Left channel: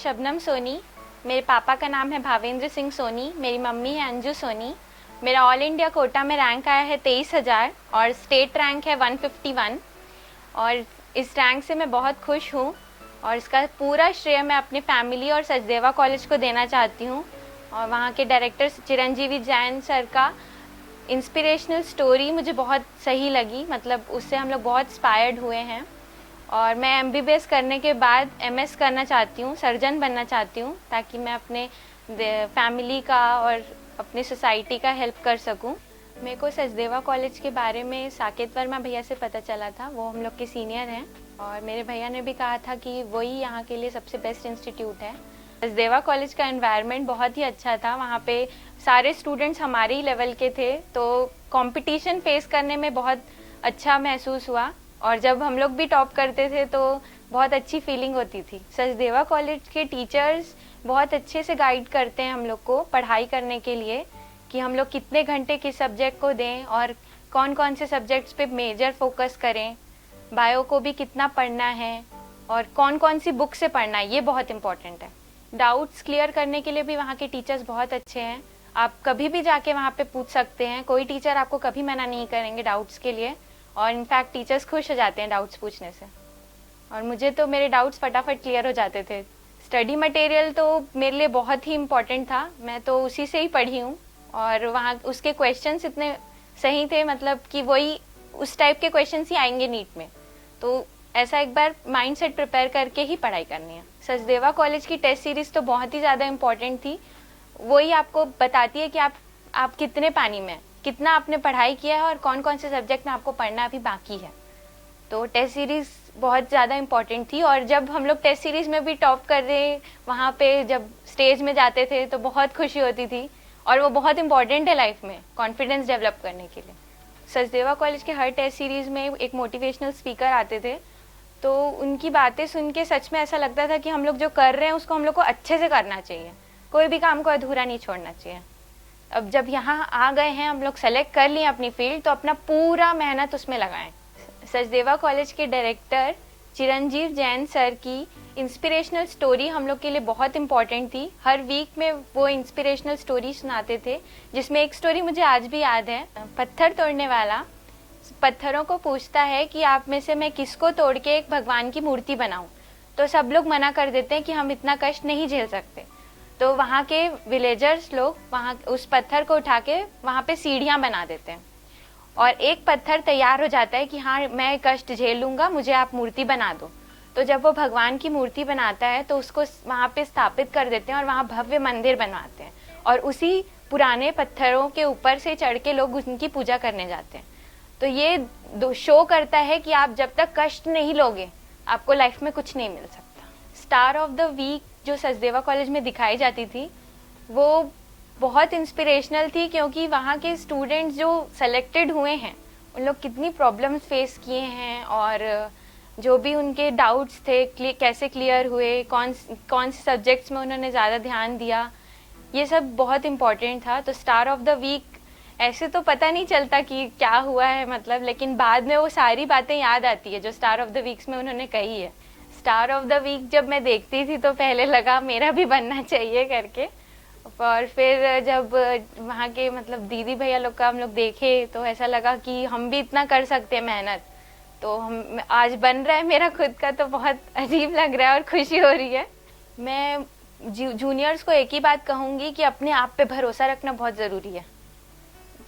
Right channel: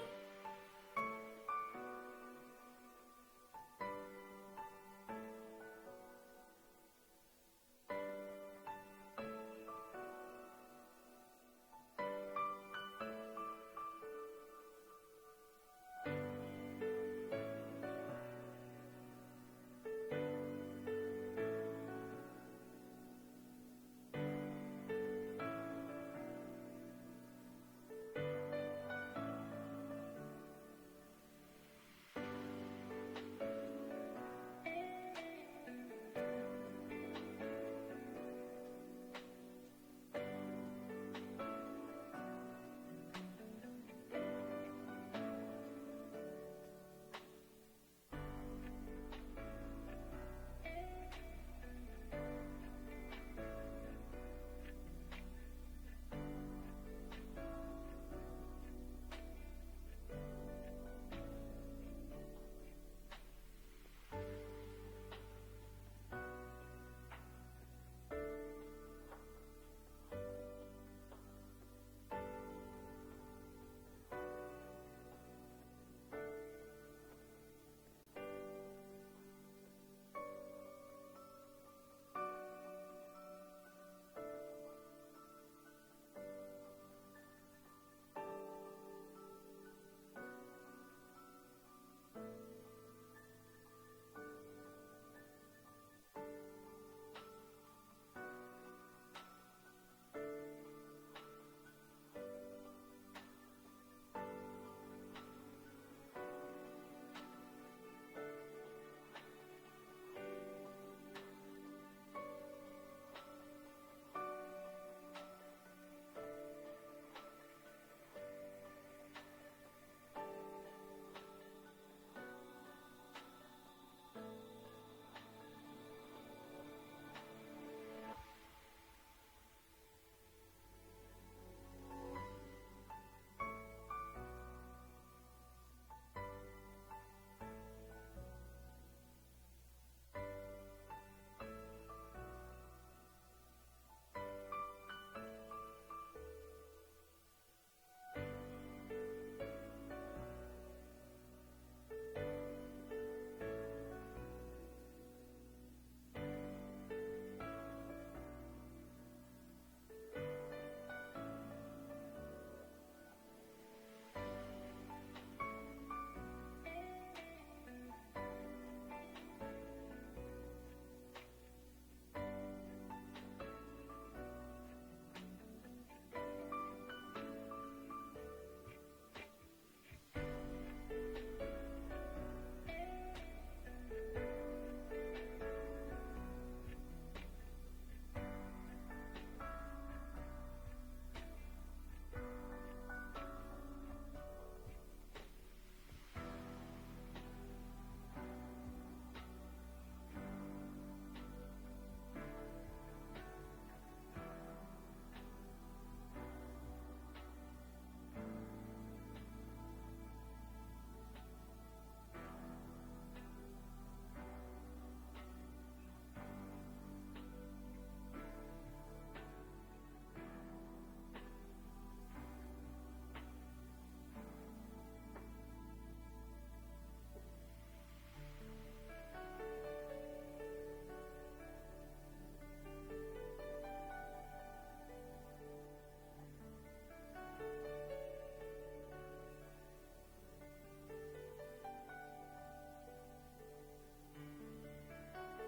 शबनम सोनी। मेरे पापा का नाम है भावेंद्र सिंह सोनी। मेरी मम्मी है अंजू सोनी। मेरा ऑल इंडिया कोटा में रैंक आया है 23,000 और स्टेट रैंक है 151 और इस रैंक से मैं बहुत खुश हूँ और इसका पूरा श्रेय मैं अपनी फैमिली और सचदेवा कॉलेज को देना चाहती हूँ। और वहाँ के डायरेक्टर चिरंजीवी जैन सर का इंस्पिरेशनल स्टोरी मुझे बहुत सही लगी, मतलब उससे हम लोग बहुत इंस्पायर्ड हुए हैं। और मैं एमबीबीएस करने के बाद एमएस करना चाहती हूँ, सर्जन बनना चाहती हूँ, ताकि मैं अपने फैमिली का और अपनी सोसाइटी का हेल्प कर सकूँ। मेरे को सचदेवा कॉलेज के बारे में साकेत वर्मा भैया से पता चला था, वो हम लोग के सीनियर हैं और मेरे भैया ने भी कहा था कि वही यहाँ के लिए सबसे बेस्ट इंस्टीट्यूट है। सचदेवा कॉलेज का एनवायरनमेंट बहुत ही अच्छा था। वहाँ पे सारे स्टूडेंट्स हमारे ही लेवल के थे, तो कंपटीशन फेस करने में बहुत अच्छा महसूस हुआ और जब हम लोग भी टॉप करते थे तो बहुत अच्छी फीलिंग होती थी। सचदेवा कॉलेज के टीचर्स बहुत अच्छे से गाइड करते हैं हम लोग को पढ़ाई करने के लिए, कि हम लोग कितने घंटे किस सब्जेक्ट को दें और कौन कौन से सब्जेक्ट्स पे मेजर फोकस करें, बायो को भी कितना पढ़ना है और कौन कौन सी बुक से पढ़ना है, ये बहुत इंपॉर्टेंट है। डाउट्स क्लियर करने के लिए भी वहाँ के टीचर्स बहुत अच्छे हैं। आप कभी भी जाके वहाँ पे पूछ सकते हैं, कोई टीचर आपको कभी मना नहीं करेंगे डाउट्स के लिए और इनफैक्ट टीचर्स खुश हो जाते हैं डाउट्स पूछने से। और मुझे तो मेरे डाउट्स फटाफट क्लियर हो जाते थे। स्टडी मटेरियल तो मेरे लिए बहुत ही इम्पोर्टेंट था, मैं तो उसी से ही पढ़ी हूँ और वहाँ उसके क्वेश्चंस इतने सही थे, मतलब कि वही उस टाइप के क्वेश्चंस ही आएंगे नीट में, तो ऐसा एक बार माइंड सेट प्रिपेयर करके ही पढ़ाई करनी है। सचदेवा कॉलेज की टेस्ट सीरीज तो बहुत ही ज़्यादा इम्पोर्टेंट थी। वही आपको बताती है कि आप कितने पानी में, कितना आपने पढ़ाई किया है और कौन कौन से सब्जेक्ट में आपको पढ़ना अभी बाकी है। तो टेस्ट सीरीज बहुत ज़्यादा इम्पोर्टेंट थी और जब हम लोग टेस्ट सीरीज में भी टॉप कर रहे, वहाँ पे जब स्टेज में जाते थे तो बहुत खुशी होती थी और वो बहुत इम्पोर्टेंट है लाइफ में कॉन्फिडेंस डेवलप करने के लिए। सचदेवा कॉलेज के हर टेस्ट सीरीज में एक मोटिवेशनल स्पीकर आते थे, तो उनकी बातें सुन के सच में ऐसा लगता था कि हम लोग जो कर रहे हैं उसको हम लोग को अच्छे से करना चाहिए, कोई भी काम को अधूरा नहीं छोड़ना चाहिए। अब जब यहाँ आ गए हैं, हम लोग सेलेक्ट कर लिए अपनी फील्ड, तो अपना पूरा मेहनत उसमें लगाएं। सचदेवा कॉलेज के डायरेक्टर चिरंजीव जैन सर की इंस्पिरेशनल स्टोरी हम लोग के लिए बहुत इम्पोर्टेंट थी। हर वीक में वो इंस्पिरेशनल स्टोरी सुनाते थे, जिसमें एक स्टोरी मुझे आज भी याद है। पत्थर तोड़ने वाला पत्थरों को पूछता है कि आप में से मैं किसको तोड़ के एक भगवान की मूर्ति बनाऊं, तो सब लोग मना कर देते हैं कि हम इतना कष्ट नहीं झेल सकते। तो वहाँ के विलेजर्स लोग वहाँ उस पत्थर को उठा के वहाँ पे सीढ़ियाँ बना देते हैं और एक पत्थर तैयार हो जाता है कि हाँ मैं कष्ट झेल लूँगा, मुझे आप मूर्ति बना दो। तो जब वो भगवान की मूर्ति बनाता है तो उसको वहाँ पे स्थापित कर देते हैं और वहाँ भव्य मंदिर बनवाते हैं और उसी पुराने पत्थरों के ऊपर से चढ़ के लोग उनकी पूजा करने जाते हैं। तो ये शो करता है कि आप जब तक कष्ट नहीं लोगे आपको लाइफ में कुछ नहीं मिल सकता। स्टार ऑफ द वीक जो सचदेवा कॉलेज में दिखाई जाती थी वो बहुत इंस्पिरेशनल थी, क्योंकि वहाँ के स्टूडेंट्स जो सेलेक्टेड हुए हैं उन लोग कितनी प्रॉब्लम्स फेस किए हैं और जो भी उनके डाउट्स थे कैसे क्लियर हुए, कौन से सब्जेक्ट्स में उन्होंने ज़्यादा ध्यान दिया, ये सब बहुत इम्पोर्टेंट था। तो स्टार ऑफ द वीक ऐसे तो पता नहीं चलता कि क्या हुआ है मतलब, लेकिन बाद में वो सारी बातें याद आती है जो स्टार ऑफ द वीक्स में उन्होंने कही है। स्टार ऑफ द वीक जब मैं देखती थी तो पहले लगा मेरा भी बनना चाहिए करके, और फिर जब वहाँ के मतलब दीदी भैया लोग का हम लोग देखे तो ऐसा लगा कि हम भी इतना कर सकते हैं मेहनत, तो हम आज बन रहा है मेरा खुद का, तो बहुत अजीब लग रहा है और खुशी हो रही है। मैं जूनियर्स को एक ही बात कहूँगी कि अपने आप पे भरोसा रखना बहुत ज़रूरी है,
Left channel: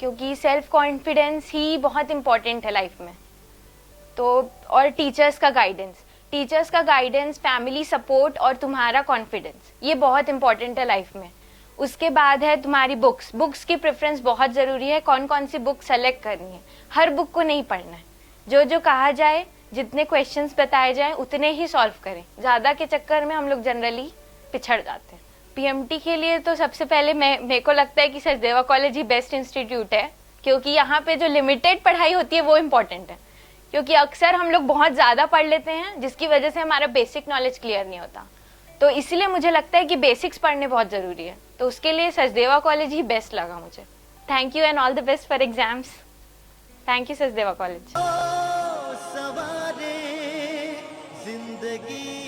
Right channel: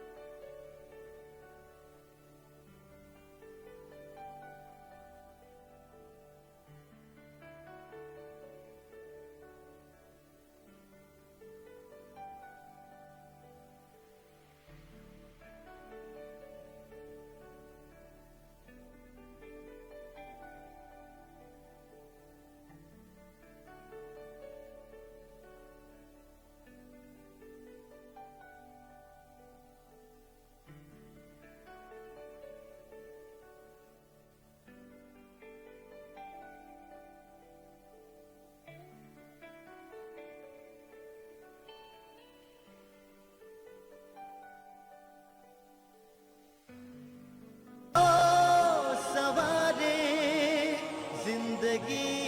क्योंकि सेल्फ कॉन्फिडेंस ही बहुत इम्पोर्टेंट है लाइफ में। तो और टीचर्स का गाइडेंस, फैमिली सपोर्ट और तुम्हारा कॉन्फिडेंस, ये बहुत इंपॉर्टेंट है लाइफ में। उसके बाद है तुम्हारी बुक्स की प्रेफरेंस बहुत ज़रूरी है, कौन कौन सी बुक सेलेक्ट करनी है। हर बुक को नहीं पढ़ना है, जो कहा जाए, जितने क्वेश्चंस बताए जाएं उतने ही सॉल्व करें। ज़्यादा के चक्कर में हम लोग जनरली पिछड़ जाते हैं। पीएमटी के लिए तो सबसे पहले मेरे को लगता है कि सचदेवा कॉलेज ही बेस्ट इंस्टीट्यूट है, क्योंकि यहाँ पे जो लिमिटेड पढ़ाई होती है वो इम्पोर्टेंट है, क्योंकि अक्सर हम लोग बहुत ज़्यादा पढ़ लेते हैं जिसकी वजह से हमारा बेसिक नॉलेज क्लियर नहीं होता। तो इसलिए मुझे लगता है कि बेसिक्स पढ़ने बहुत ज़रूरी है, तो उसके लिए सचदेवा कॉलेज ही बेस्ट लगा मुझे। Thank you and all the best for exams. Thank you Sachdeva college. सवारे जिंदगी